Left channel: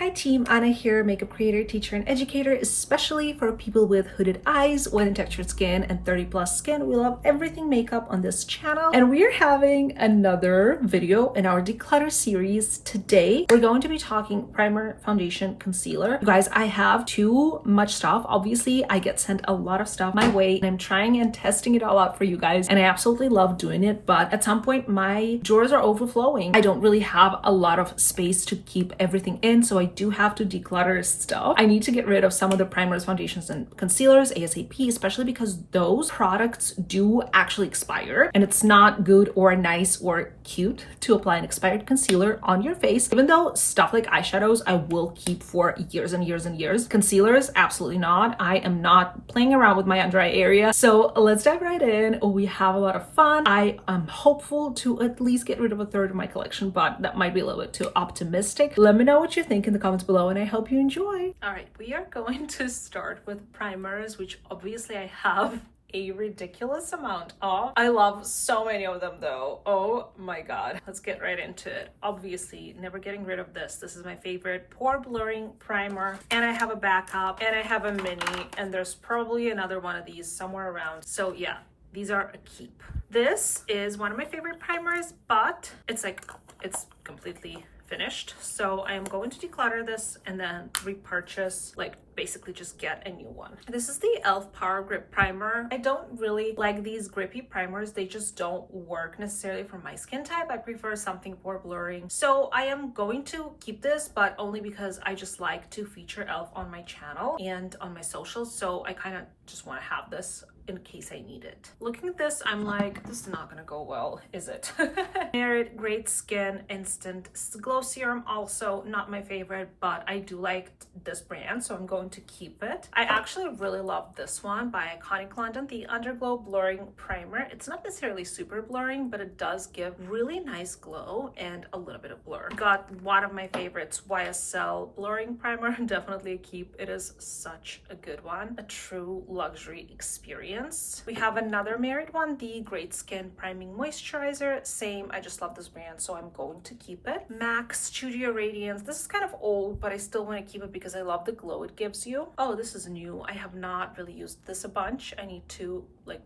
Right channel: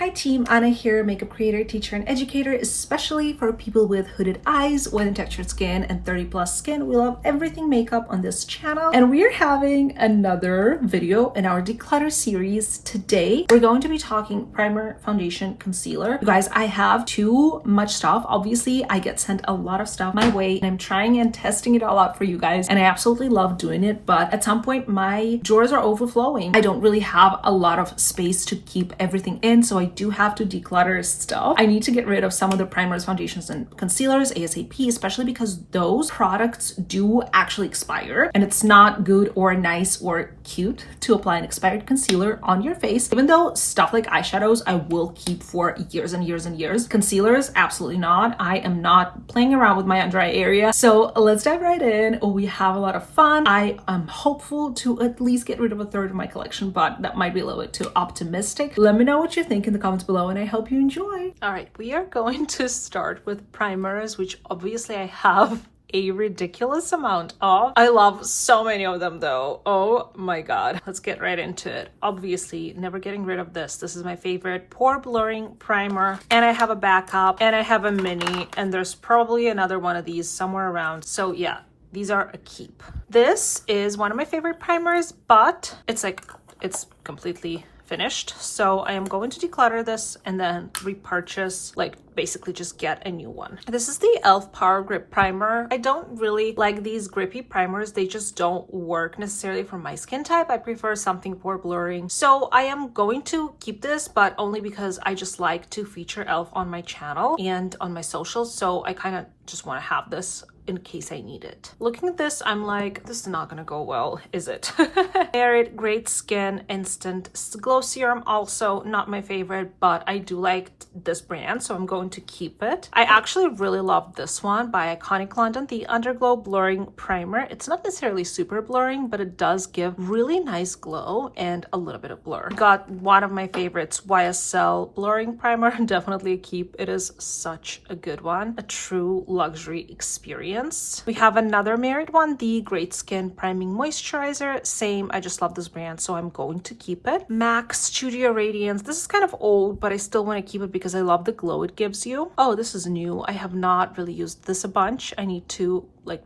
Hi team, Anna here, makeup creator, teacher, and educator, especially for people with hooded eyes, wet and textured skin, and 30 plus skin. We love everything makeup on this channel, and we're having another video in our declutter series. Today, we're going to be talking primer, foundation, concealer. You guys, I have too much stuff. Obviously, I get sent a lot of stuff my way, and I'm trying and testing it all out for you guys, and I absolutely love doing it, but at some point, my drawers are overflowing. I don't really have a lot of space to keep everything in, so I do have to declutter stuff. I need to get rid of some of the primers, foundations, and concealers ASAP, especially because those products do actually expire, and it's not good or nice or cute to apply an expired concealer on your face. Even though stuff like eyeshadows I will keep for years and years and years, concealers absolutely not. I am not playing around with my under eye area. So let's dive right in. We have a lot of fun. I am hopeful to at least get rid of a third of my collection, but that might be a little bit too optimistic. Let me know what you think in the comments below, and I hope you enjoy. All right, we are going to start with primers, which obviously I have a ridiculous amount of. I love so many of them though. Oh my god. Let's get right into it. Obviously, never getting rid of this. This is my favorite pore blurring primer, and I have a backup, and I have a mini, and there's probably another one of these somewhere around. So yeah, these are a keep. This is one of my favorite primers, but it's completely finished, so I am going to declutter this and then repurchase, like basically just get a new one. This is the e.l.f. Power Grip Primer. I don't really like these grippy primers. They just don't work necessarily for my skin type. I prefer something pore blurring. So I am going to keep this, but only because I just like to feature e.l.f. on my channel and on my socials. So I kind of just want to have this in case I need it. Looking at this, I'm like, this is not gonna go well, is it? Merit Great Skin Instant Glow Serum, also not my favorite, but I do like this brand, so I'm going to keep it. I actually really love this one by Iconic London, the Underglow Blurring Primer. It's not necessarily super blurring, but it does give really nice glow and a little bit of blur. Got one of my favorites, YSL Blurring Primer, definitely a keep. It is such a good one, a true luxury experience. We have another Merit one, the Great Skin Priming Moisturizer. Same, I just love this brand, so I'm going to keep it. MAC Studio Radiance. This is kind of old, but I still want to keep it because I love the glow it gives you. Oh, this is new. I have not really used this a bunch. I need to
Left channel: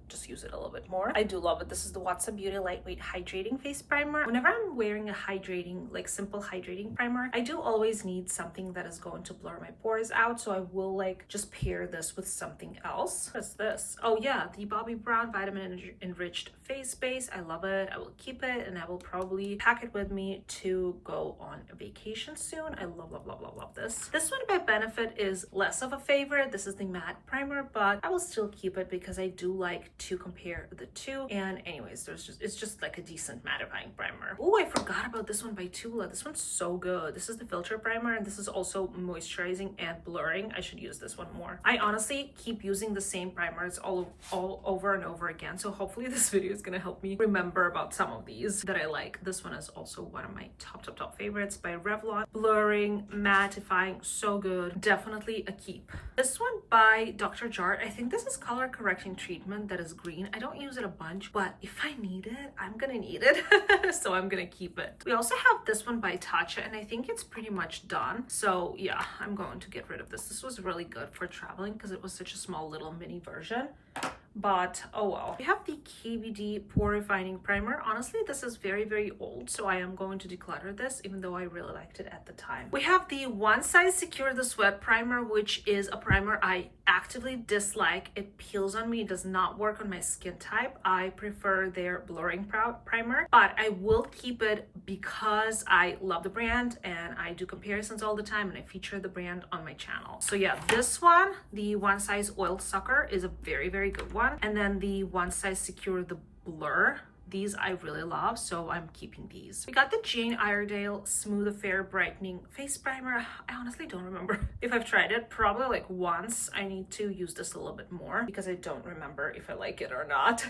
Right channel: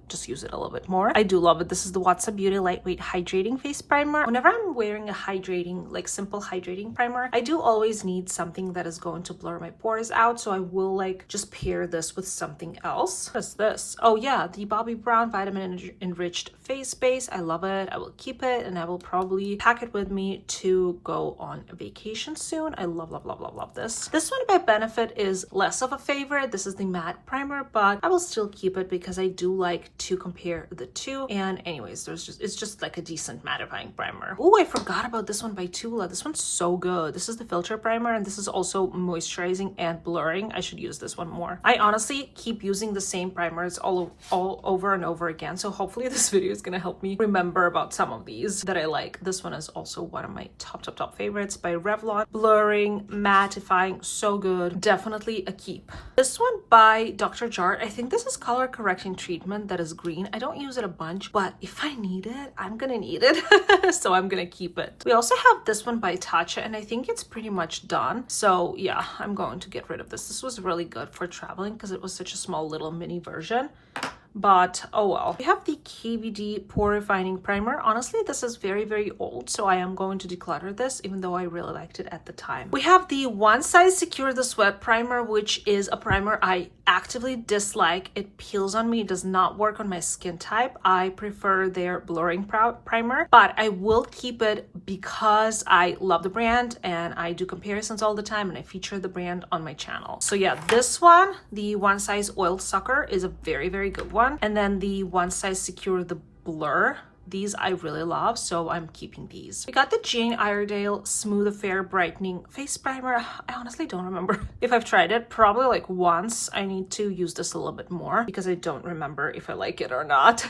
just use it a little bit more. I do love it. This is the Watsons Beauty Lightweight Hydrating Face Primer. Whenever I'm wearing a hydrating, simple hydrating primer, I do always need something that is going to blur my pores out, so I will just pair this with something else. What is this? Oh yeah, the Bobbi Brown Vitamin Enriched Face Base. I love it. I will keep it, and I will probably pack it with me to go on a vacation soon. I love, love, love, love, love this. This one by Benefit is less of a favorite. This is the matte primer, but I will still keep it because I do like to compare the two. And anyways, it's just like a decent mattifying primer. Oh, I forgot about this one by Tula. This one's so good. This is the filter primer, and this is also moisturizing and blurring. I should use this one more. I honestly keep using the same primers all over and over again, so hopefully this video is gonna help me remember about some of these that I like. This one is also one of my top favorites by Revlon. Blurring, mattifying, so good. Definitely a keep. This one by Dr. Jart. I think this is color correcting treatment that is green. I don't use it a bunch, but if I need it, I'm gonna need it. So I'm gonna keep it. We also have this one by Tatcha, and I think it's pretty much done. So yeah, I'm going to get rid of this. This was really good for traveling because it was such a small little mini version. But oh well. We have the KVD Pore Refining Primer. Honestly, this is very, very old, so I am going to declutter this, even though I really liked it at the time. We have the One Size Secure the Sweat Primer, which is a primer I actively dislike. It peels on me. It does not work on my skin type. I prefer their blurring primer, but I will keep it because I love the brand and I do comparisons all the time, and I feature the brand on my channel. So yeah, this one, the One Size Oil Sucker, is a very, very good one. And then the One Size Secure the Blur. These I really love, so I'm keeping these. We got the Jane Iredale Smooth Affair Brightening Face Primer. I honestly don't remember if I've tried it. Probably once. I need to use this a little bit more because I don't remember if I like it or not.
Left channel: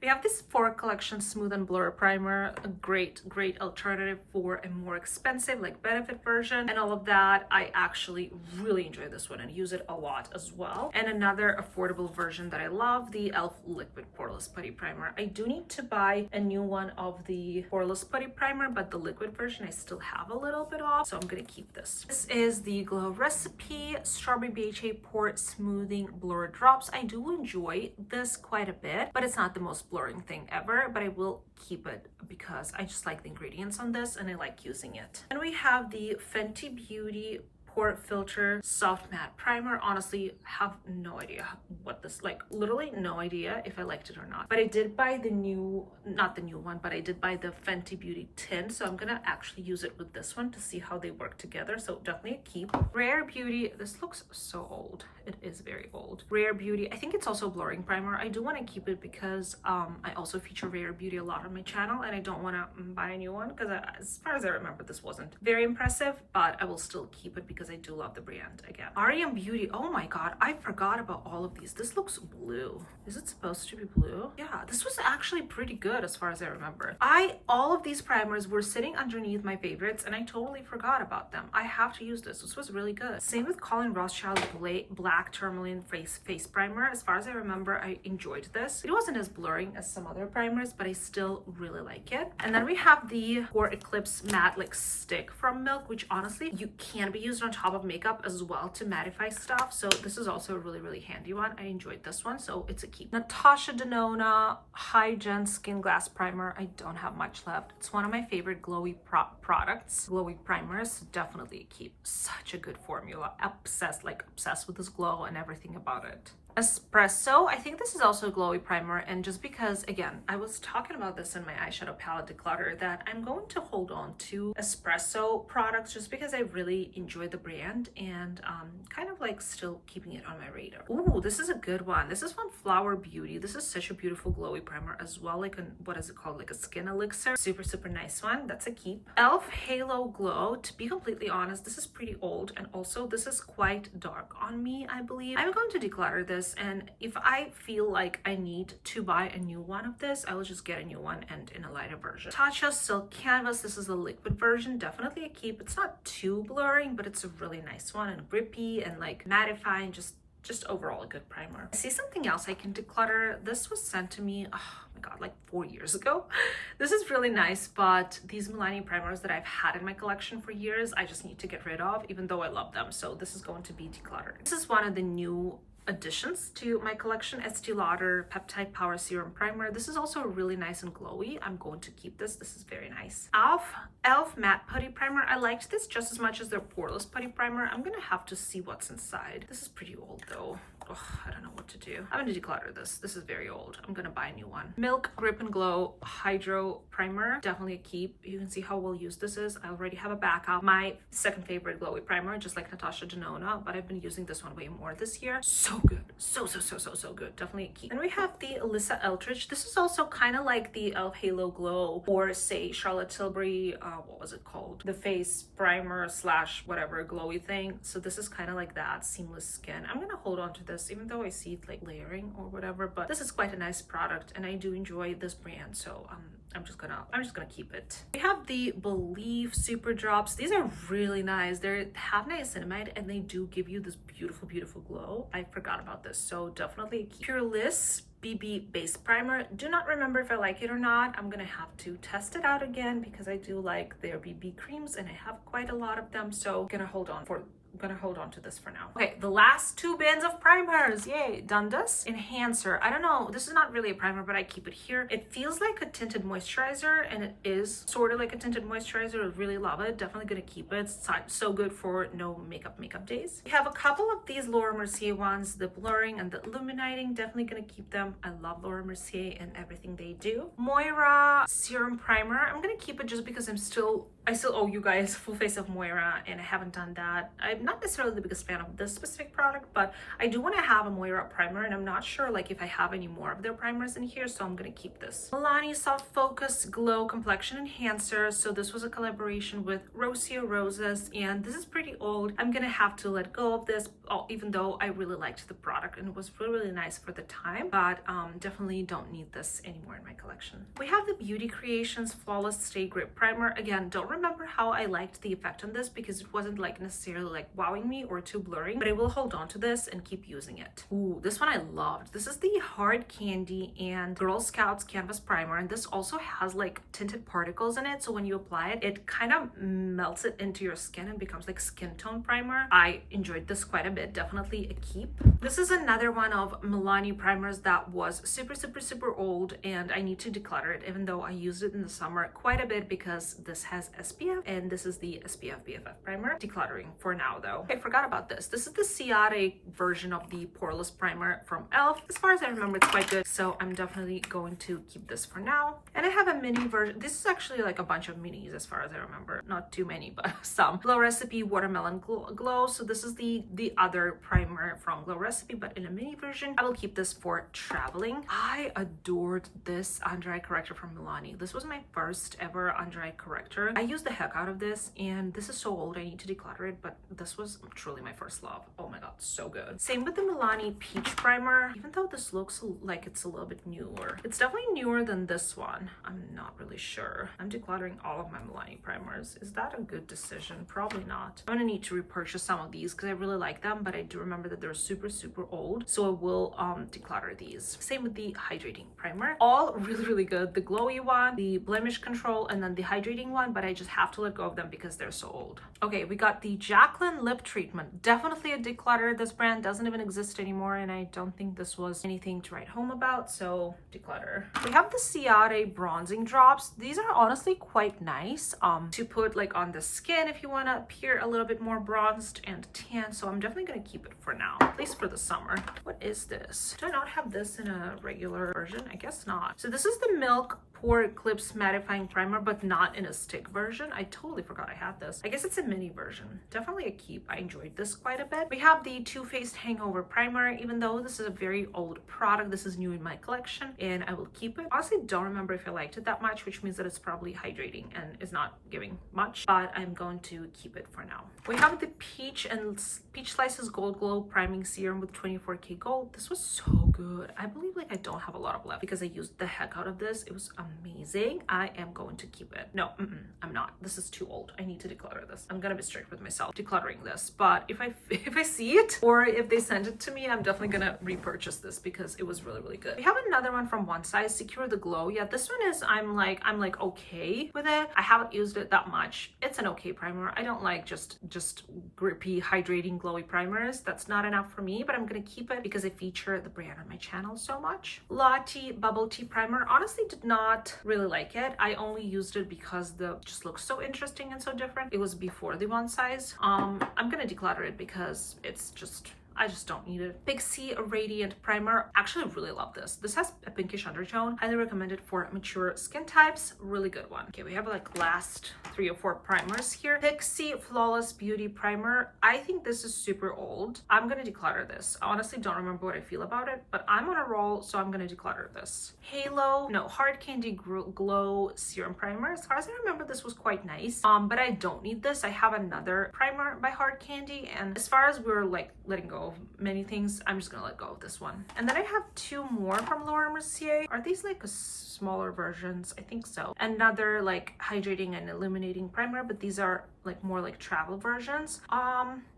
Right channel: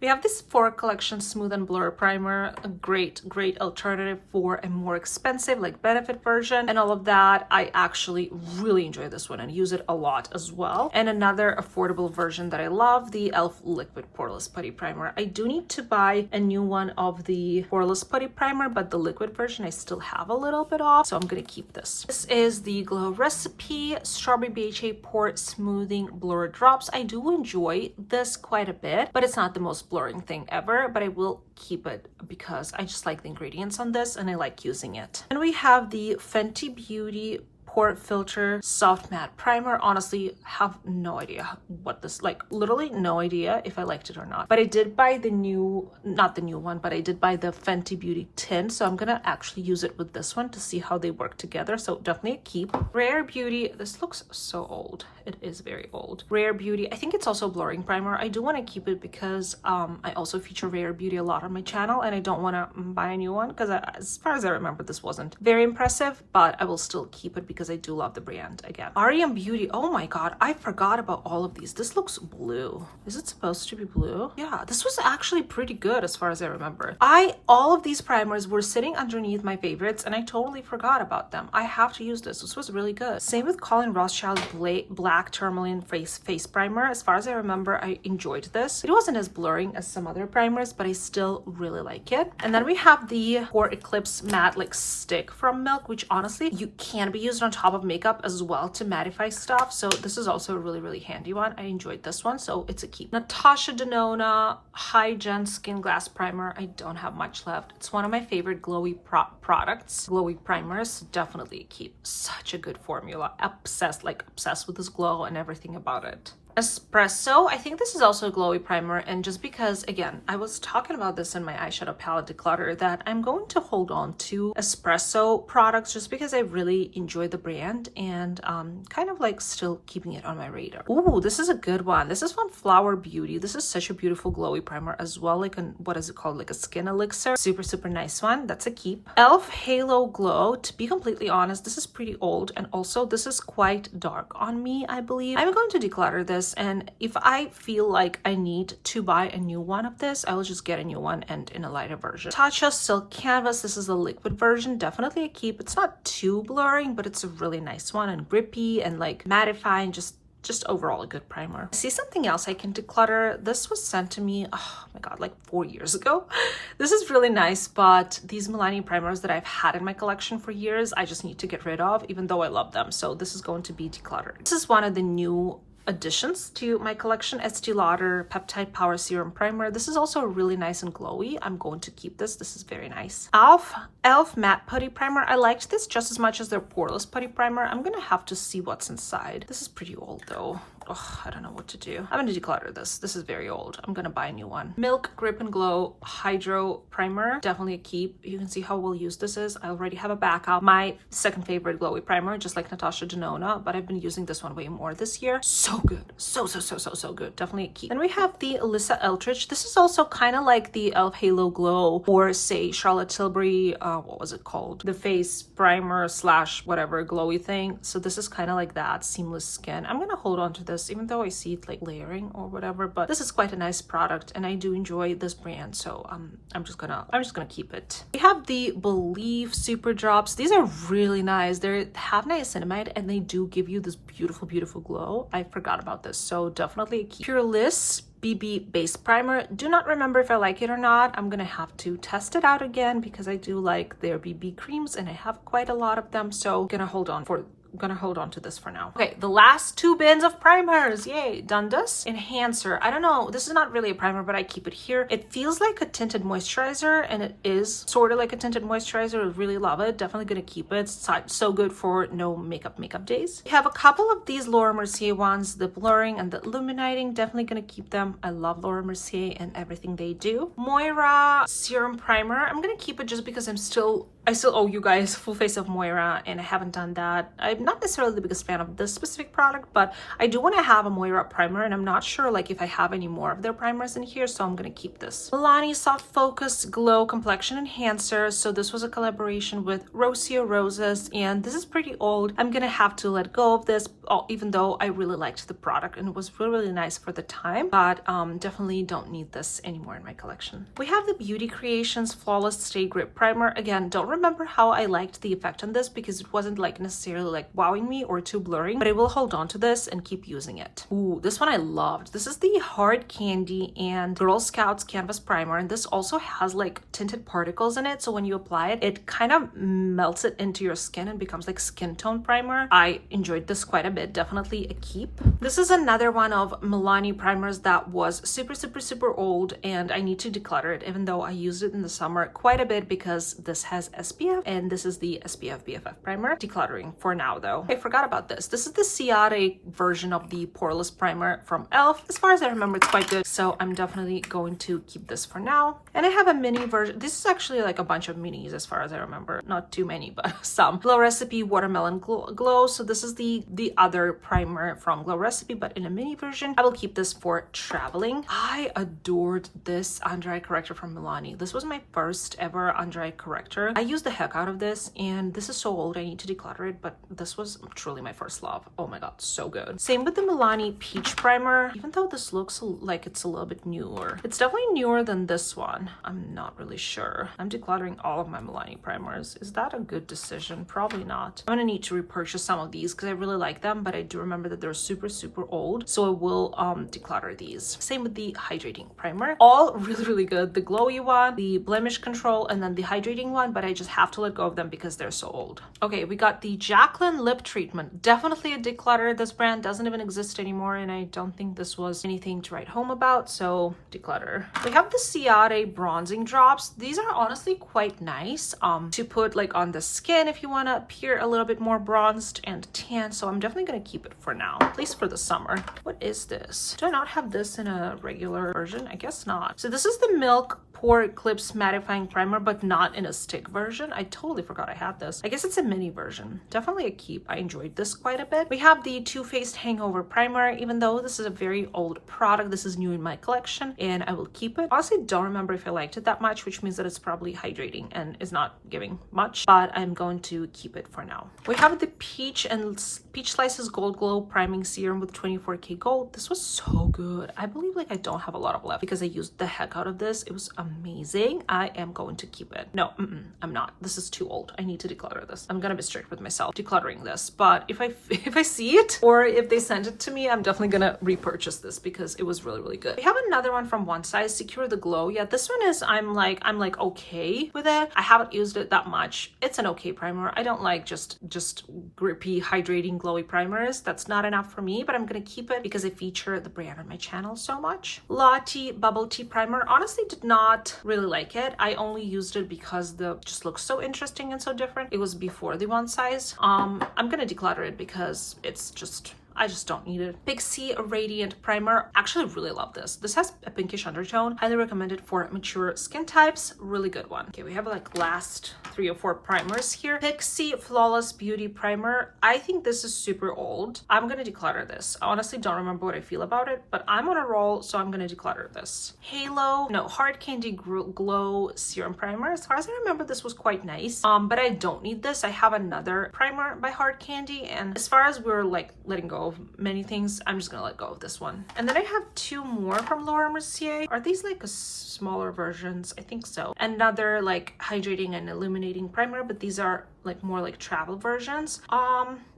We have this Sephora Collection Smooth and Blur Primer. A great alternative for a more expensive Benefit version and all of that. I actually really enjoy this one and use it a lot as well. And another affordable version that I love, the e.l.f. Liquid Poreless Putty Primer. I do need to buy buy a new one of the poreless putty primer, but the liquid version I still have a little bit of, so I'm gonna keep this. This is the Glow Recipe Strawberry BHA Pore Smoothing Blur Drops. I do enjoy this quite a bit, but it's not the most blurring thing ever, but I will keep it because I just like the ingredients on this and I like using it. And we have the Fenty Beauty Pore Filter Soft Matte Primer. Honestly, have no idea what this, like literally no idea if I liked it or not. But I did buy the new, not the new one, but I did buy the Fenty Beauty tin. So I'm gonna actually use it with this one to see how they work together. So definitely a keep. Rare Beauty, this looks so old. It is very old. Rare Beauty, I think it's also a blurring primer. I do want to keep it because I also feature Rare Beauty a lot on my channel and I don't want to buy a new one because as far as I remember, this wasn't very impressive, but I will still keep it because I do love the brand again. REM Beauty, oh my god, I forgot about all of these. This looks blue. Is it supposed to be blue? Yeah, this was actually pretty good as far as I remember. All of these primers were sitting underneath my favorites and I totally forgot about them. I have to use this. This was really good. Same with Colin Rothschild Black Tourmaline face primer. As far as I remember, I enjoyed this. It wasn't as blurring as some other primers, but I still really like it. And then we have the Pore Eclipse Matte like stick from Milk, which honestly you can be used on top of makeup as well to mattify stuff. So this is also a really handy one. I enjoyed this one, so it's a keep. Natasha Denona High Gen Skin Glass Primer. I don't have much left. It's one of my favorite glowy products. Glowy primers, definitely a keep. Such a good formula. Obsessed with this glow and everything about it. Espresso, I think this is also a glowy primer, and just because, again, I was talking about this in my eyeshadow palette declutter, that I'm going to hold on to espresso products just because I really enjoy the brand and kind of like still keeping it on my radar. Ooh, this is a good one. This is from Flower Beauty. This is such a beautiful glowy primer as well, like a, what is it called, like a skin elixir. Super nice one. That's a keep. Elf Halo Glow, to be completely honest, this is pretty old, and also this is quite dark on me, I believe. I'm going to declutter this, and if I feel like I need to buy a new one of this, I will just get a new one and in a lighter version. Tatcha Silk Canvas, this is a liquid version, definitely a keep. It's not too blurring, but it's a really nice one and grippy and like mattifying, just overall a good primer. I see something else I can declutter. This was sent to me, oh my god, like 4 years ago. This is really nice, but these Milani primers that I've had in my collection for years, I just need to get rid of, even though I love them. So this is going to be decluttered. This is one of the new additions to my collection, Estee Lauder Peptide Power Serum Primer. This is also really nice and glowy. I'm going to keep this. This is very nice. Elf Matte Putty Primer. I liked this just as much as their Poreless Putty Primer. I'm gonna have to see what's inside. This is pretty old though. Oh, I don't know what to do. I'm gonna declutter this. This is very old. I'm gonna buy a new one. Milk Grip and Glow Hydro Primer. Definitely a keep. You can see how well used this is. I already have a backup. My second favorite glowy primer, just like Natasha Denona, but I've been using this one way more this year. So good. So good. Definitely a keep. And we have the Alyssa Eldridge. This is also kind of like the Elf Halo Glow, or say Charlotte Tilbury, what was it called? The face primer slash whatever glowy thing. So this is kind of like that, seamless skin. I'm gonna hold on to this, even though I see it like layering or whatever, but this is quite a nice product and I do enjoy this brand, so I'm just gonna keep it. We have the Believe Super Drops. These are really nice. They have niacinamide and they do give you this beautiful glow. I forgot about this, so definitely a keep. Pure Bliss BB Base Primer. Do not remember if I like it or not. I'm gonna have to test it out again because I do like their BB creams and I have quite a lot of them, so I'm gonna hold on to this for now. Okay, the last 2 bins of primers. Yay, Dundas Enhancer. I don't know, this is not really a primer, but I keep it here. It feels like a tinted moisturizer, and it is sort of like a tinted moisturizer. I really love it. Definitely gonna keep it. It's so good for no makeup days. We have a couple of these Laura Mercier ones, the blurring and the illuminating. Definitely gonna keep them. I love Laura Mercier and everything they do. Moira Serum Primer. I'm gonna keep it just because I still owe you guys full face of Moira and I haven't done that. I'm not necessarily the biggest fan of this specific product, but I do want to have a Moira primer and I'm not sure like if I have any more of their primers in here, so I'm gonna keep this. Milani Soft Focus Glow Complexion Enhancer. So this was a collaboration with Rocio Roses and this is pretty old. I'm gonna have to let go of this, even though I really liked the product and it was really nice for the time, but definitely don't need this anymore in my collection. We have the Beauty Creations Flawless Stay Grip Primer. Again, don't remember how I liked the effect on this because it wasn't like necessarily like wowing me or too blurring, but I will hold on to this and keep using it. Ooh, this one I loved. This is the Hard Candy and Girl Scouts Canvas Primer, and this also has like tinted particles in it, so when you apply it, it kind of melts it into your skin and becomes like skin tone primer. I enjoyed this quite a bit, definitely a keep. This is another one of Milani primers that was super old, and I need to declutter it, even though I used it in the summer quite a bit because this has SPF, and this is the SPF BFF primer. Decluttering for now though. I forgot about this. This is the Ciate version of the poreless primer from e.l.f. As far as I remember, it's quite good, so I'm definitely going to keep this for now. And I have a mini version. This is actually like a bunch of minis as far as I remember. Not too many, but some. Glow Recipe Watermelon Glow. So this is the other primer from Glow Recipe, but in a mini version. I will keep this for traveling. I adored this under eye corrector from Milani. This was my first ever under eye corrector. I used the heck out of this, and this is so old I need to declutter it, but this was truly my first love. Oh my god, so good. Same with the Milani Peach Primer, even though this looks like it's a little bit newer. It's definitely newer than this one. I'm not really sure. I'm decluttering all of my Milani primers. Is that a good decision? Probably not. I'm gonna need to repurchase some of these because I really like them, but I do remember that they're super old, so I will declutter these. Same with the hydrating primer. All really good. The glowy one, the blemish control, and then the hydrating one, but I just have to let go of them because they're so old. Okay, we got the Jaclyn lip treatment. Definitely a declutter. This brand doesn't even exist anymore, and I don't think this was anything to write home about, so declutter. We have the Ciate bronzing drops. These are honestly quite nice to put like on the skin if you want to appear a little bit more bronzed and tan, so I'm definitely going to keep it for now, at least for the summer. What is this? Do I not have this in a regular version? I guess not. So this is the Milk Pore Eclipse Mattifying Primer, but not in a stick version. I totally forgot I had this. I guess it's a mini version. Definitely a keep. I enjoyed this quite a bit. We have the Too Faced Hangover Primer. Even though this is a very old product, this is new in my collection, and I will keep it. Honestly, don't remember if I liked it that much, which means that it's probably hydrating and is not giving much, but I'm going to keep it for now. We have the Peach Slices Gold Glow Priming Serum with 24K gold. This was so good. I believe like I don't have a lot of left because I used the heck out of this. It was amazing. I am going to keep it. No, I'm not. This is too old. I need to declutter this. I'm gonna be strict with myself decluttering this, but if I see it or if they send it to me, I'm definitely gonna repurchase this because it was really good. We have another one from One Size, Secure the Glow. Yeah, this one is I'm like okay with it. I haven't used it that much. It's an okay primer. I don't like just grippy, hydrating, glowy primers. That's not enough for me, but I'm gonna keep it because I feature the brand on my channel so much. Lottie Bubble Tea Primer. Honestly, did not really like it. I only used it because the just looks so interesting and so different. It was before the One Size. I'm gonna declutter it because it's just I just don't need it. Pixie Radiant Primer. Actually, really love this. This has a pinkish undertone. Highly recommended for mature skin types. Really good one. Okay, we have like last 3 or 4 primers here. Pixie Flawless Beauty Primer. I think this is super old. I'm gonna declutter this. I honestly don't remember what I feel about it, but I'm on a roll, so I'm gonna declutter this. Hard Candy Glow Serum Primer. As far as I remember, this was quite nice, but I don't need this. I have another primer by Hard Candy, and as far as we're like letting go of many things, I'm just gonna let go of this one. And then I have 2 more from Laura Mercier. Are these like smaller versions? I think so. Another like hydrating and illuminating primer, but these are like more like travel versions.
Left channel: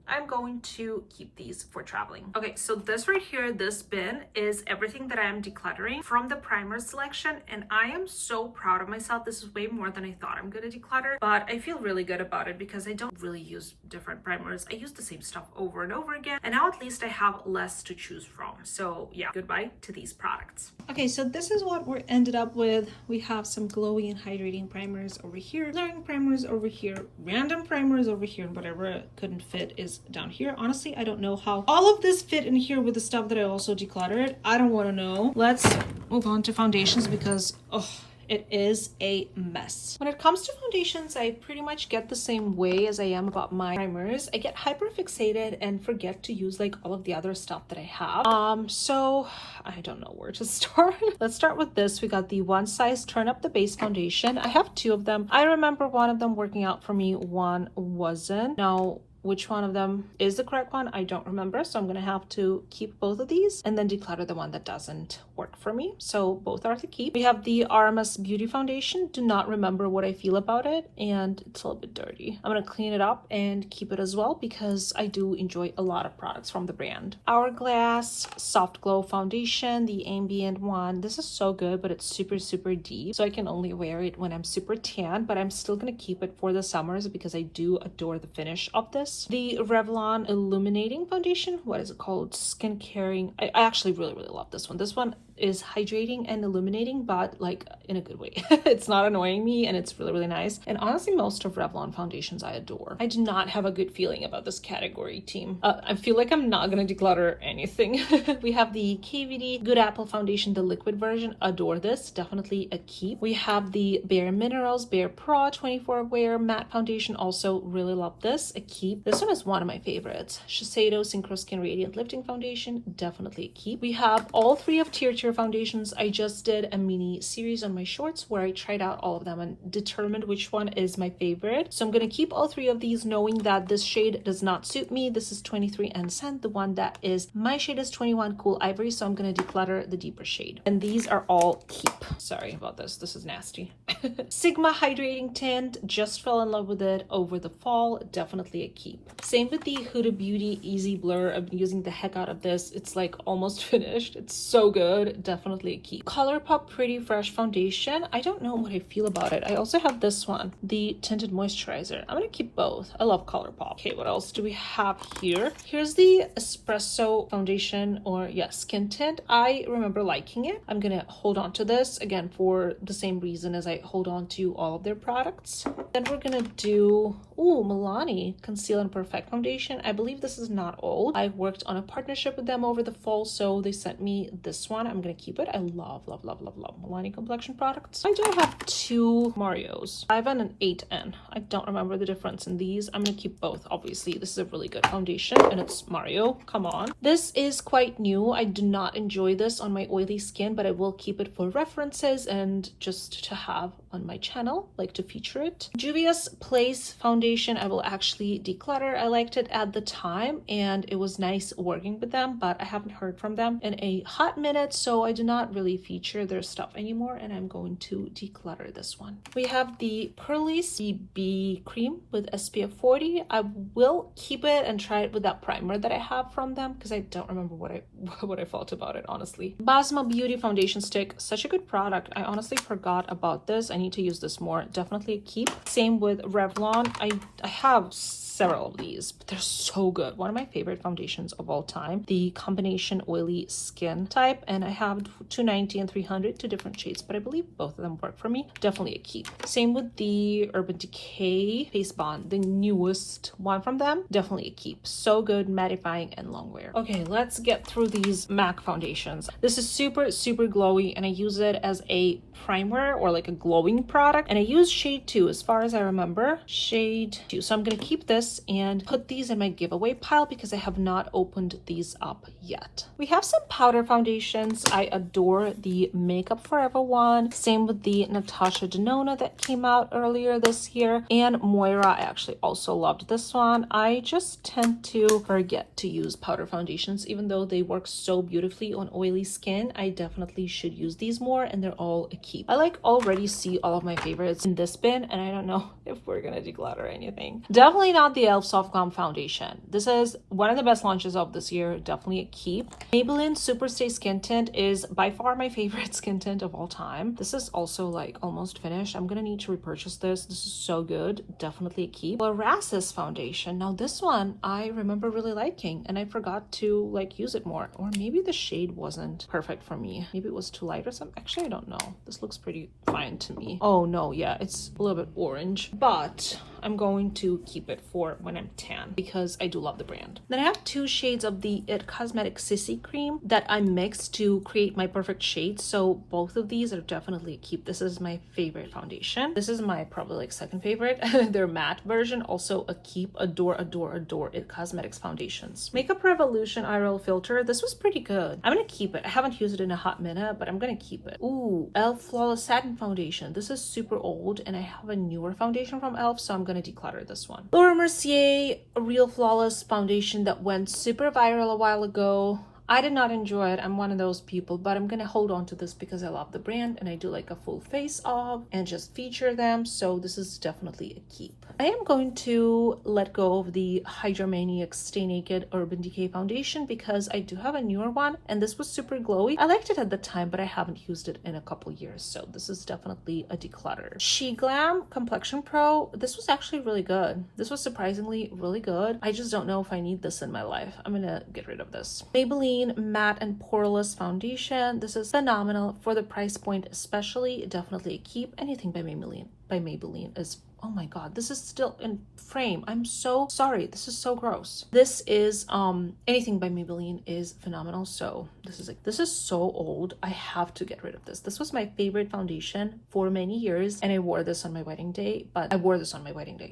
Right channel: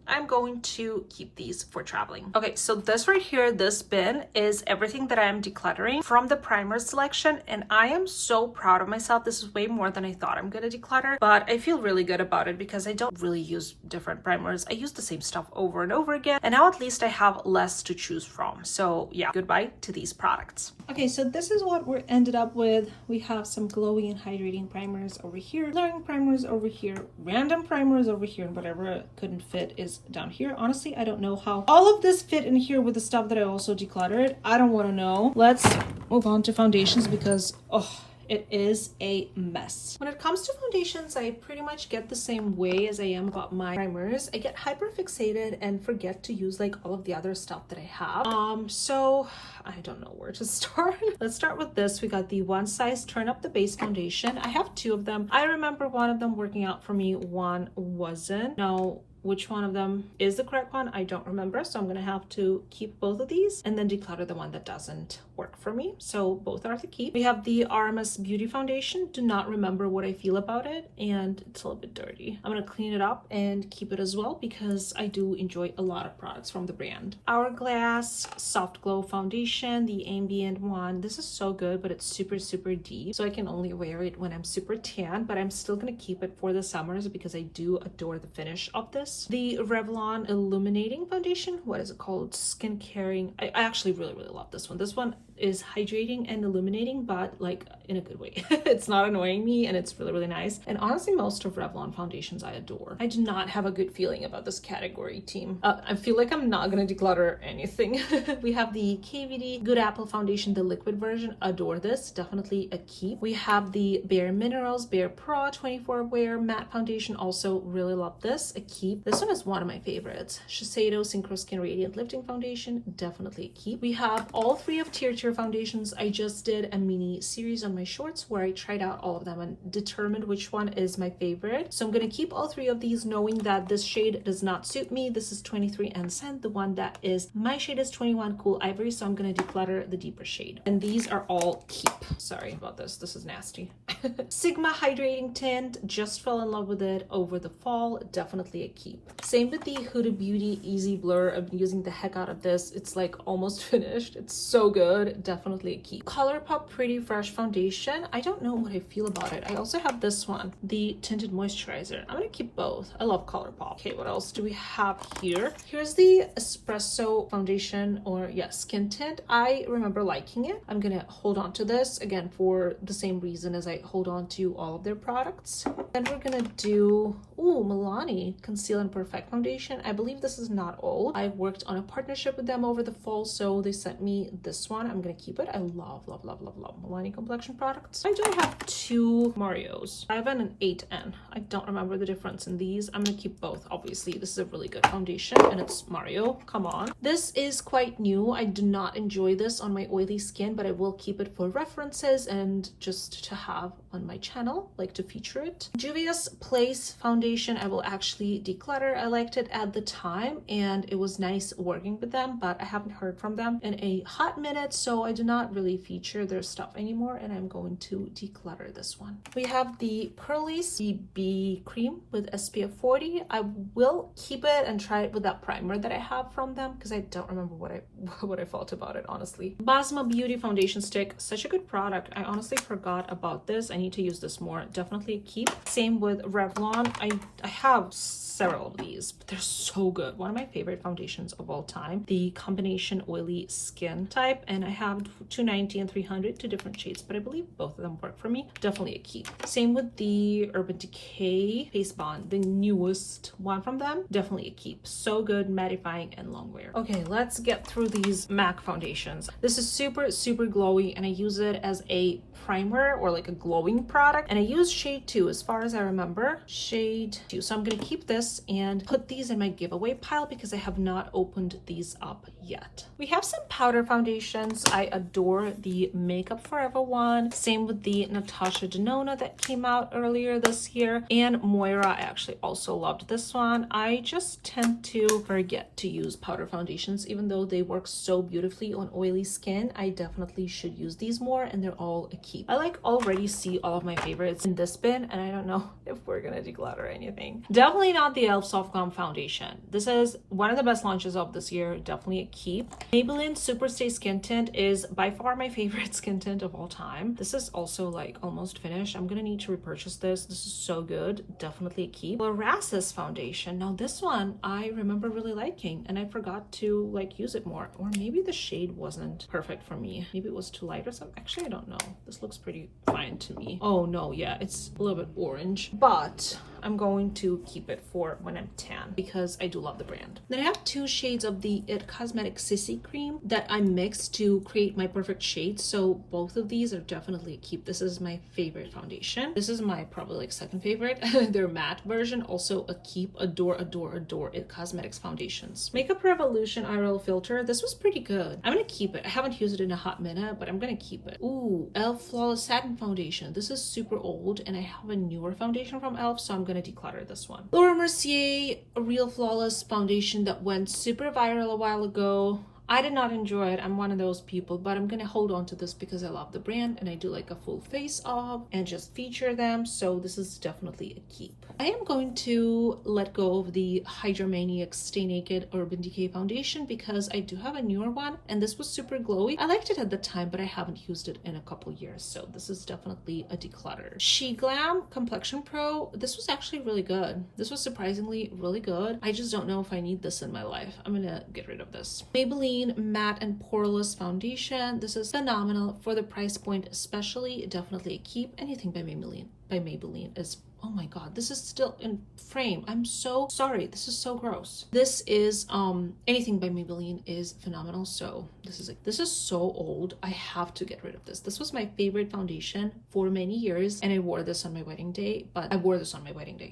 I'm going to keep these for traveling. Okay, so this right here, this bin is everything that I am decluttering from the primer selection, and I am so proud of myself. This is way more than I thought I'm gonna declutter, but I feel really good about it because I don't really use different primers. I use the same stuff over and over again, and now at least I have less to choose from. So yeah, goodbye to these products. Okay, so this is what we ended up with. We have some glowy and hydrating primers over here, blurring primers over here, random primers over here, and whatever couldn't fit is down here. Honestly, I don't know how all of this fit in here with the stuff that I also decluttered. I don't want to know. Let's move on to foundations because it is a mess. When it comes to foundations, I pretty much get the same way as I am about my primers. I get hyper fixated and forget to use like all of the other stuff that I have. So I don't know where to start. Let's start with this. We got the One Size Turn Up the Base foundation. I have 2 of them. I remember one of them working out for me, one wasn't. Now, which one of them is the correct one. I don't remember, so I'm gonna have to keep both of these and then declutter the one that doesn't work for me. So both are to keep. We have the RMS Beauty Foundation. Do not remember what I feel about it, and it's a little bit dirty. I'm gonna clean it up and keep it as well because I do enjoy a lot of products from the brand. Hourglass Soft Glow Foundation, the ambient one. This is so good, but it's super deep, so I can only wear it when I'm super tan, but I'm still gonna keep it for the summers because I do adore the finish of this. The Revlon Illuminating Foundation. What is it called? Skin Caring. I actually really love this one. This one is hydrating and illuminating, but like in a good way. It's not annoying me, and it's really nice. And honestly, most of Revlon foundations I adore. I do not have a good feeling about this category, team. I feel like I'm not gonna declutter anything. We have the KVD Good Apple Foundation, the liquid version. Adore this. Definitely a keep. We have the Bare Minerals Bare Pro 24 Wear Matte Foundation. Also really love this. A keep. This one is one of my favorites. Shiseido Synchro Skin Radiant Lifting Foundation. Definitely a keep. We have all three of Tier foundations. I just did a mini series on my shorts where I tried out all of them and determined which one is my favorite. So I'm going to keep all three of these, knowing that this shade does not suit me. This is 23 and Scent. The one that is my shade is 21 Cool Ivory, so I'm going to declutter the deeper shade. And these are all keep. Sorry about this. This is nasty. Sigma Hydrating Tint. Just fell in love with it over the fall. Definitely a keep. Same with the Huda Beauty Easy Blur. I'm using the heck out of this. It's like almost finished. It's so good. Definitely a keep. ColourPop Pretty Fresh Foundation. I don't know what I feel about it. I also have this one, the Tinted Moisturizer. I'm gonna keep both. I love ColourPop. Okay, what else do we have here? Here's the Espresso Foundation, or yeah, Skin Tint. I remember liking it. I'm gonna hold on to this again for the same reason as I hold on to all of their products. Then we're gonna do Milani Conceal and Perfect Foundation. I believe this is not old. I worked on a partnership with them over the fall, so they sent me this one. I'm gonna keep it. I love Milani complexion products. I do have two Marios. I have an 8N. I don't remember the difference in these. I'm gonna keep both. Obviously, this is a really good foundation, and it's Mario. Come on. This is quite new. I do not enjoy this on my oily skin, but I will keep it for references and just to have on my channel, like to feature it. Juvia's Place Foundation. I will actually declutter. I liked it at the time, and it was nice working with them, but I haven't heard from them in a hot minute, so I do not really feature their stuff anymore, and I'm going to declutter this one. We have the Pearlie's BB cream with SPF 40. I will keep it and try it with that primer that I have from them because I don't remember what I felt about it, honestly. Basma Beauty Foundation Stick. Such a good product. I honestly forgot about this. I need to use this more. Definitely a keep. Same with Revlon. I have several of these, but they're so good. One of my favorite foundations of all time, the combination oily skin type, and I have 290 and 300, two different shades, but I believe both of them work for me. Definitely a keep. Same with the Urban Decay Face Bond, the newest one from them. Definitely a keep. So good, mattifying and long wear. Okay, let's get through these MAC foundations. This is super glowy, and I use it as a primer or like a glowing product, and I use shade 2 as far as I remember. Shade 2. So I'm gonna keep this and put these in my giveaway pile because I have not opened these up yet. We have some powder foundations. I adore the Makeup Forever one. Same with the Natasha Denona that came out earlier this year, and Moira. I actually also loved this one. I just tend to forget to use powder foundations, even though they work so beautifully on oily skin. I definitely should use these more, and they're all a keep. I like already see all of my favorites in this bin, and I don't know if we're gonna declutter anything. Definitely not the e.l.f. Soft Glam Foundation. This is one of the best launches of this year. Definitely a keep. Maybelline Superstay Skin Tint is by far my favorite skin tint of all time. This is also like almost finished. I'm gonna need to repurchase this. This is so good. Definitely a keep. Larassus Foundation. Now this one I remember really liking, and I forgot to like use it more, or maybe the shade wasn't perfect for me. Maybe it was too light or something. Actually, I don't know. This looks pretty fine to me. Oh no, yeah, it's a little bit orange, but I'm going to keep it for when I'm tan because I do love the brand. Then I have two shades of the IT Cosmetics Sissy cream that I mixed to create my perfect shade. So both of these are definitely a keep. This is my favorite foundation. This is my probably like second favorite. Their matte version, also a keep. Adore IT Cosmetics foundations. Makeup Revolution Eye Roll Filter. This was pretty good. I'm gonna keep it. I haven't used it in a hot minute, but I'm gonna keep it. Ooh, e.l.f. Flawless Satin Foundation. This is super old, and I have a newer foundation from e.l.f., so I'm gonna gonna declutter this one. Laura Mercier Real Flawless Foundation that went super viral a while ago. I did not enjoy it. I'm one of those people, but I'm gonna hold on to this because I love the brand and I do like a full face off and just feature them. So this is definitely a keep. I am going to let go of the Hydromaniac Stay Naked Urban Decay Foundation because I do have a newer one and this was super glowy. I liked it at the time, but I haven't used it in a couple years. So this is definitely a declutter. She Glam Complexion Pro. This was actually really good. This was surprisingly really good. I just don't know if I need this in my life. I'm gonna get rid of this. Maybelline Matte and Poreless Foundation. This is phenomenal for the price point, especially. Definitely a keep. Anything by Maybelline is, oh my god, this is still in frame. I'm so sorry. This is so gross. This is anything by Maybelline is phenomenal. So this is so old. I have to get rid of this. This was my favorite foundation for many years and I wore this on my wedding day,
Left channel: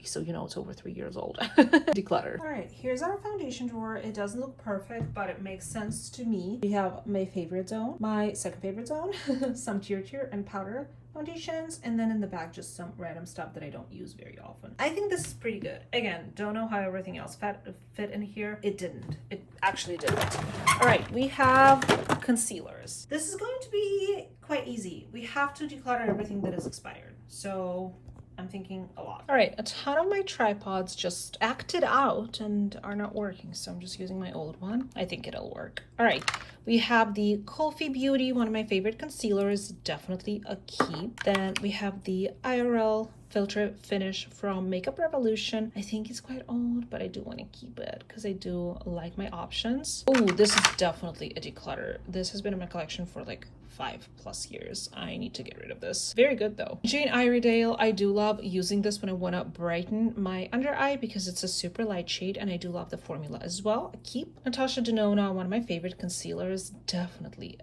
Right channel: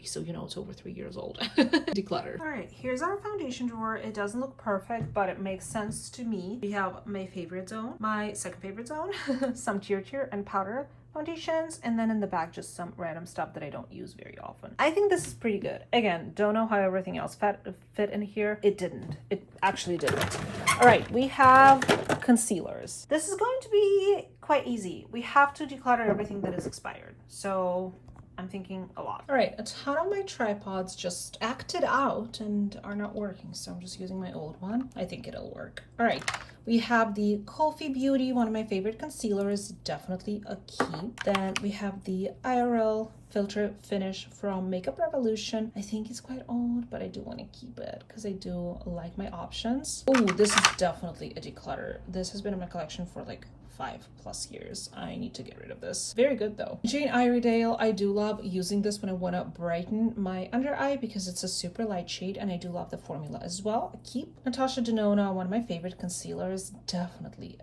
so you know it's over 3 years old. Declutter. All right, here's our foundation drawer. It doesn't look perfect, but it makes sense to me. We have my favorite zone, my second favorite zone, some tier and powder foundations, and then in the back just some random stuff that I don't use very often. I think this is pretty good. Again, don't know how everything else fit in here. It didn't. It actually didn't. All right, we have concealers. This is going to be quite easy. We have to declutter everything that is expired. So I'm thinking a lot. All right, a ton of my tripods just acted out and are not working, so I'm just using my old one. I think it'll work. All right, we have the Coffee Beauty, one of my favorite concealers, definitely a keep. Then we have the IRL Filter Finish from Makeup Revolution. I think it's quite old, but I do want to keep it because I do like my options. Oh, this is definitely a declutter. This has been in my collection for like 5+ years. I need to get rid of this. Very good though. Jane Iredale, I do love using this when I want to brighten my under eye because it's a super light shade and I do love the formula as well. A keep. Natasha Denona, one of my favorite concealers, definitely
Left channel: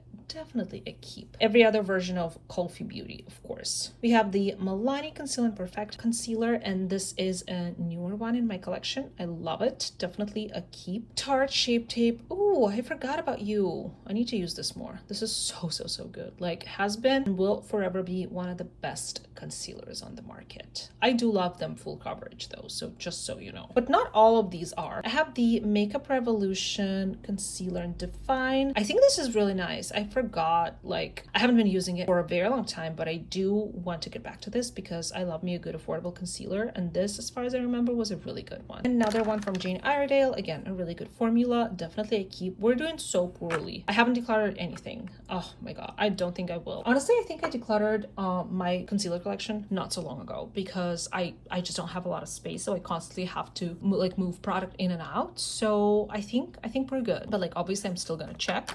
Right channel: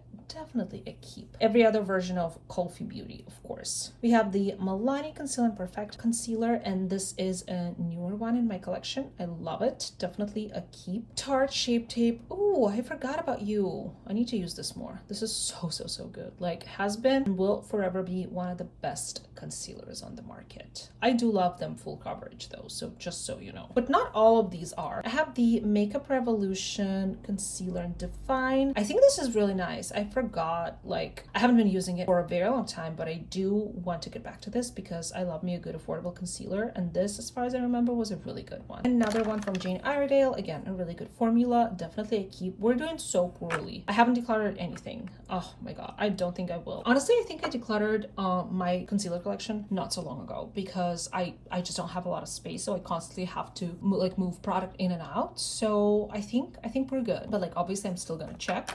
a keep. Every other version of Coffee Beauty, of course. We have the Milani Conceal and Perfect Concealer, and this is a newer one in my collection. I love it. Definitely a keep. Tarte Shape Tape. Oh, I forgot about you. I need to use this more. This is so good. Like, has been and will forever be one of the best concealers on the market. I do love them full coverage though, so just so you know. But not all of these are. I have the Makeup Revolution Concealer and Define. I think this is really nice. I forgot, like, I haven't been using it for a very long time, but I do want to get back to this because I love me a good affordable concealer, and this, as far as I remember, was a really good one. Another one from Jane Iredale, again, a really good formula, definitely a keep. We're doing so poorly. I haven't decluttered anything. Oh my god, I don't think I will. Honestly, I think I decluttered my concealer collection not so long ago because I just don't have a lot of space, so I constantly have to move product in and out. So I think we're good, but like obviously I'm still gonna check.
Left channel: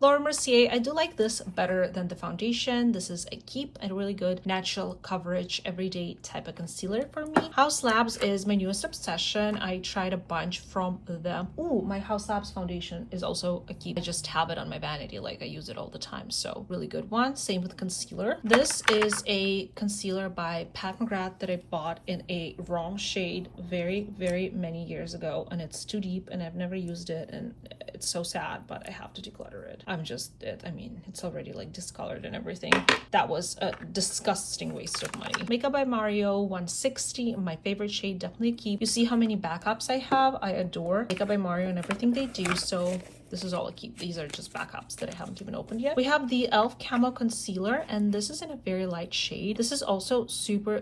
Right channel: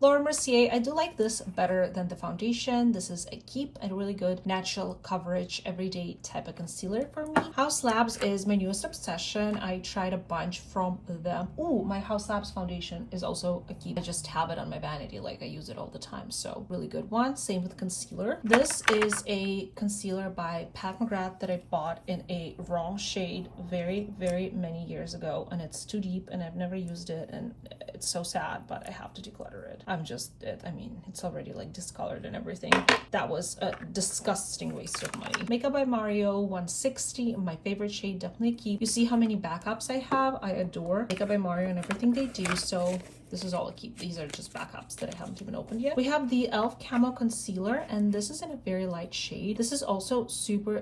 Laura Mercier, I do like this better than the foundation. This is a keep and really good natural coverage everyday type of concealer for me. House Labs is my newest obsession. I tried a bunch from them. Ooh, my House Labs foundation is also a keep. I just have it on my vanity, like I use it all the time, so really good one. Same with concealer. This is a concealer by Pat McGrath that I bought in a wrong shade very many years ago, and it's too deep and I've never used it and it's so sad, but I have to declutter it. I mean, it's already like discolored and everything. That was a disgusting waste of money. Makeup by Mario 160, my favorite shade, definitely keep. You see how many backups I have? I adore Makeup by Mario and everything they do, so this is all a keep. These are just backups that I haven't even opened yet. We have the e.l.f. Camo Concealer, and this is in a very light shade. This is also super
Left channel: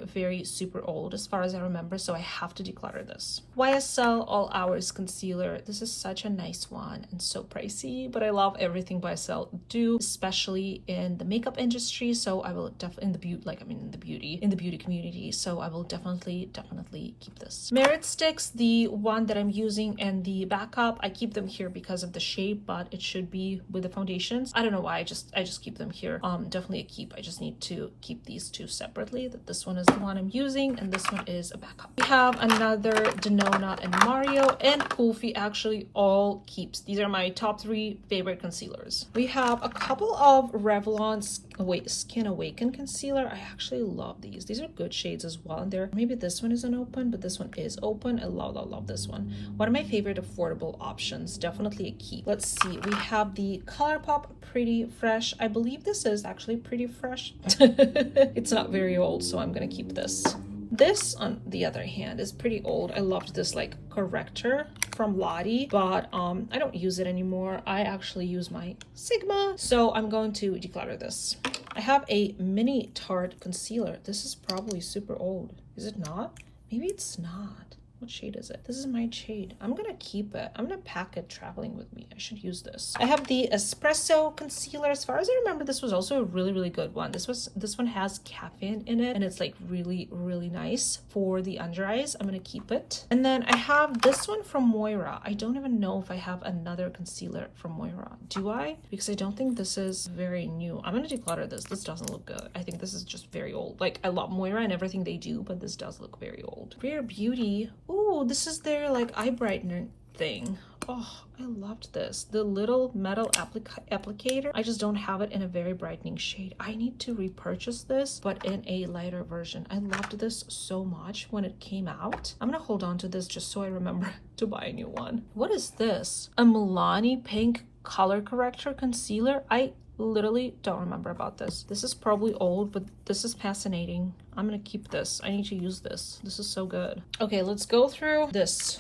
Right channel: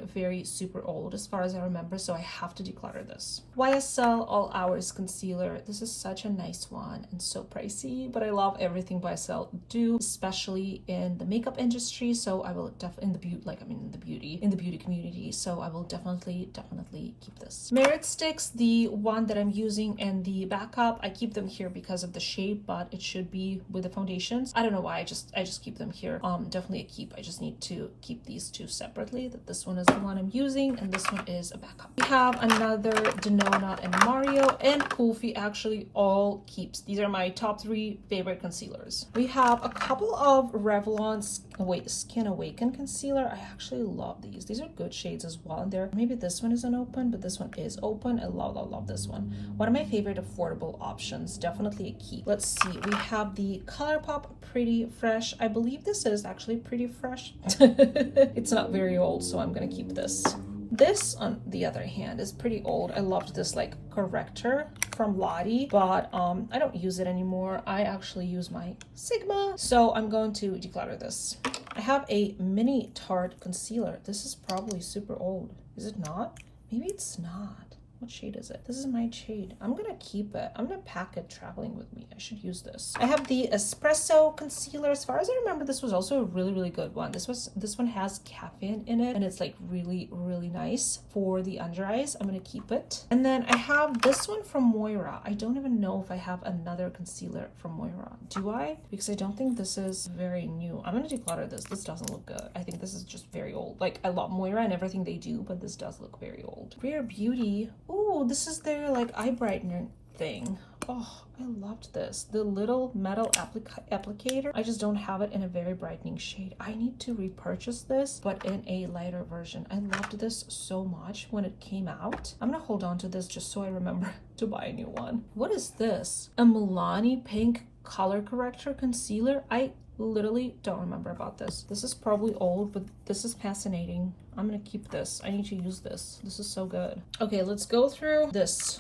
old as far as I remember, so I have to declutter this. YSL All Hours Concealer. This is such a nice one and so pricey, but I love everything YSL do, especially in the makeup industry, so I will definitely, in the beauty community, so I will definitely keep this. Merit Sticks, the one that I'm using and the backup, I keep them here because of the shape, but it should be with the foundations. I don't know why, I just keep them here. Definitely a keep. I just need to keep these two separately, that this one is the one I'm using and this one is a backup. We have another Denona and Mario and Kulfi, actually all keeps. These are my top 3 favorite concealers. We have a couple of Revlon Skin Awaken concealer. I actually love these. These are good shades as well. And there, maybe this one isn't open, but this one is open. I love this one. One of my favorite affordable options. Definitely a keep. Let's see. We have the ColourPop Pretty Fresh. I believe this is actually pretty fresh. It's not very old, so I'm gonna keep this. This, on the other hand, is pretty old. I loved this like corrector from Lottie, but I don't use it anymore. I actually use my Sigma, so I'm going to declutter this. I have a mini Tarte concealer. This is probably super old. Is it not? Maybe it's not. What shade is it? This is my shade. I'm gonna keep it. I'm gonna pack it traveling with me. I should use this. I have the espresso concealer. As far as I remember, this was also a really good one. This one has caffeine in it, and it's like really nice for the under eyes. I'm gonna keep it. And then I have this one from Moira. I don't even know if I have another concealer from Moira. Do I? Because I don't think this is very new. I'm gonna declutter this. This doesn't look good. I think this is just very old. Like, I love Moira and everything they do, but this does look very old. Rare Beauty. Oh, this is their like eye brightener thing. Oh, I loved this. The little metal applicator. I just don't have it in a very brightening shade. I need to repurchase this, but in a lighter version. I loved this so much when it came out. I'm gonna hold on to this just so I remember to buy a new one. What is this? A Milani Pink color corrector concealer. I literally don't remember about this. This is probably old, but this is fascinating. I'm gonna keep this. I need to use this. This is so good. Okay, let's go through this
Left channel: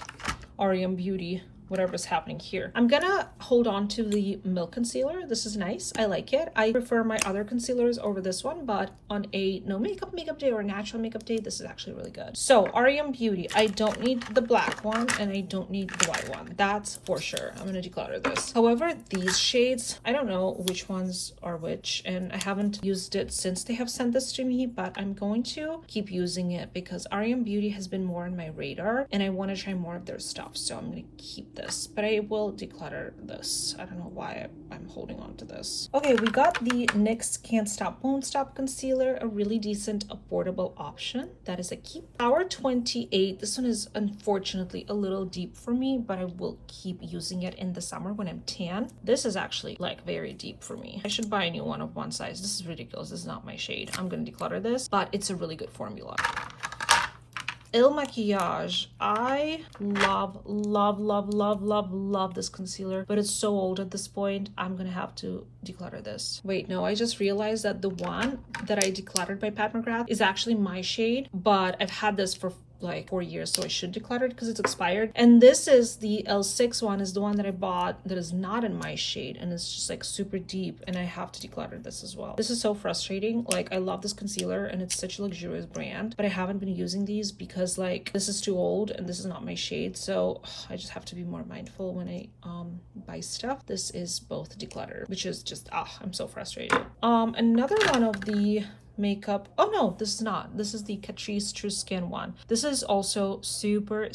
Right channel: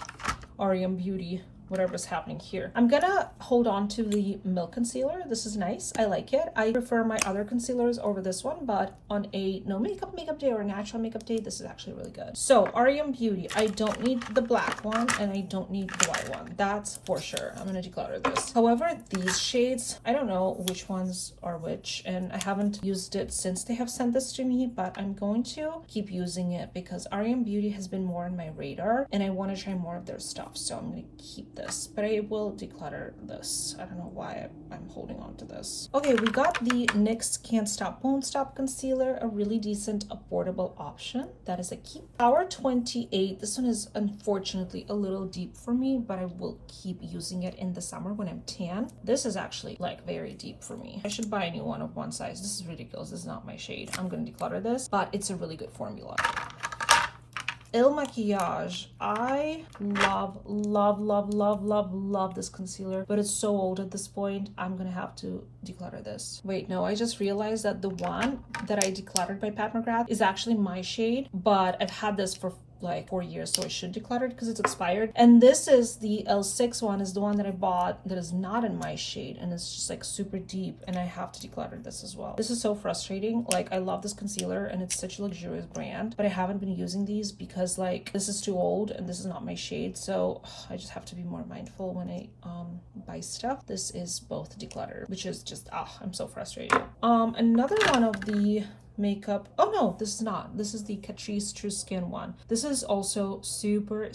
REM Beauty, whatever's happening here. I'm gonna hold on to the Milk concealer. This is nice. I like it. I prefer my other concealers over this one, but on a no makeup day or a natural makeup day, this is actually really good. So REM Beauty, I don't need the black one and I don't need the white one. That's for sure. I'm gonna declutter this. However, these shades, I don't know which ones are which, and I haven't used it since they have sent this to me, but I'm going to keep using it because REM Beauty has been more on my radar and I want to try more of their stuff. So I'm gonna keep this, but I will declutter this. I don't know why I'm holding on to this. Okay, we got the NYX Can't Stop Won't Stop concealer, a really decent affordable option. That is a keep. Hour 28. This one is unfortunately a little deep for me, but I will keep using it in the summer when I'm tan. This is actually like very deep for me. I should buy a new one of one size. This is ridiculous. This is not my shade. I'm gonna declutter this, but it's a really good formula. Il Maquillage. I love this concealer, but it's so old at this point. I'm gonna have to declutter this. Wait, no, I just realized that the one that I decluttered by Pat McGrath is actually my shade, but I've had this for like 4 years, so I should declutter it because it's expired. And this is the L6 one, is the one that I bought that is not in my shade, and it's just like super deep, and I have to declutter this as well. This is so frustrating. Like, I love this concealer and it's such a luxurious brand, but I haven't been using these because like this is too old and this is not my shade, so I just have to be more mindful when I buy stuff. This is both declutter, which is just I'm so frustrated. Another one of the makeup, oh no, this is not. This is the Catrice True Skin one. This is also super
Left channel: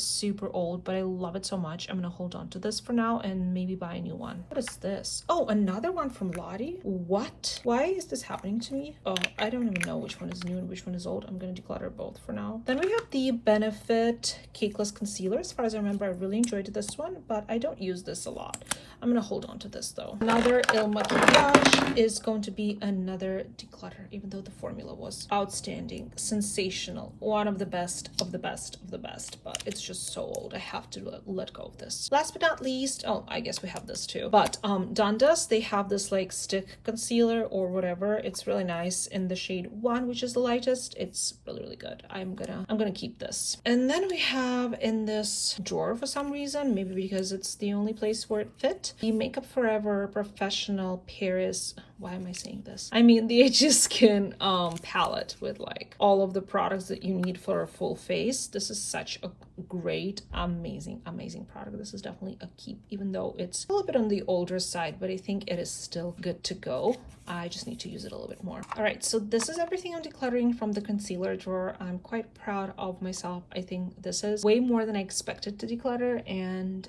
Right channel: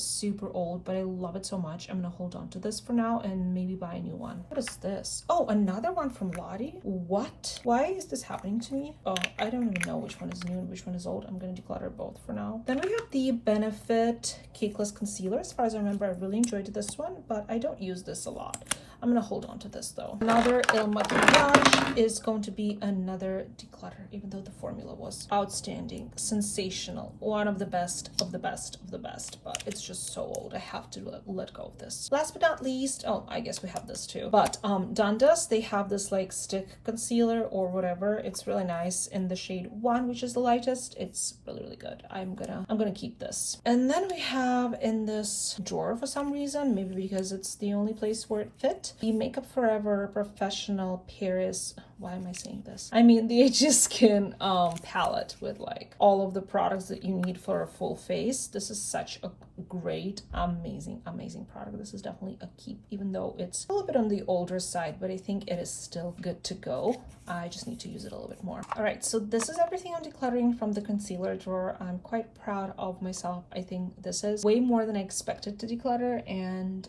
old, but I love it so much. I'm gonna hold on to this for now and maybe buy a new one. What is this? Oh, another one from Lottie. What? Why is this happening to me? Oh, I don't even know which one is new and which one is old. I'm gonna declutter both for now. Then we have the Benefit Cakeless Concealer. As far as I remember, I really enjoyed this one, but I don't use this a lot. I'm gonna hold on to this though. Another Il Maquillage is going to be another declutter, even though the formula was outstanding, sensational, one of the best of the best of the best, but it's just so old. I have to let go of this. Last but not least, oh, I guess we have this too, but Dundas, they have this like stick concealer or whatever. It's really nice in the shade 1, which is the lightest. It's really good. I'm gonna keep this. And then we have in this drawer, for some reason, maybe because it's the only place where it fit, the Makeup Forever Professional Paris, why am I saying this? I mean the HG Skin palette with like all of the products that you need for a full face. This is such a great, amazing product. This is definitely a keep, even though it's a little bit on the older side, but I think it is still good to go. I just need to use it a little bit more. All right, so this is everything I'm decluttering from the concealer drawer. I'm quite proud of myself. I think this is way more than I expected to declutter, and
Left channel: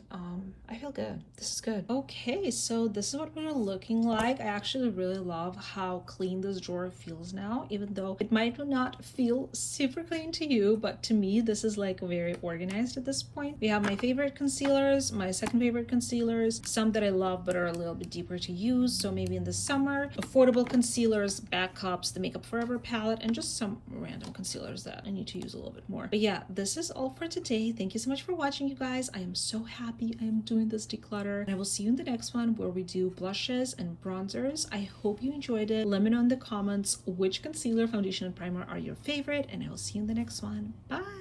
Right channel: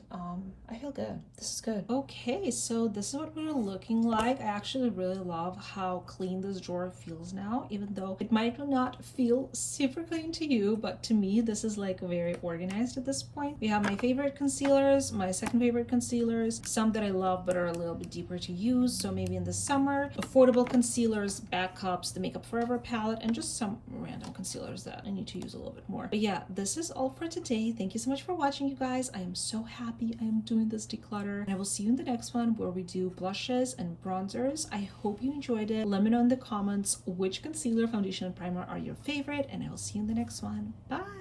I feel good. This is good. Okay, so this is what we're looking like. I actually really love how clean this drawer feels now, even though it might not feel super clean to you, but to me this is like very organized organized at this point. We have my favorite concealers, my second favorite concealers, some that I love but are a little bit deeper to use, so maybe in the summer, affordable concealers, backups, the Makeup Forever palette, and just some random concealers that I need to use a little bit more. But yeah, this is all for today. Thank you so much for watching, you guys. I am so happy I am doing this declutter, and I will see you in the next one where we do blushes and bronzers. I hope you enjoyed it. Let me know in the comments which concealer, foundation, and primer are your favorite, and I will see you in the next one. Bye!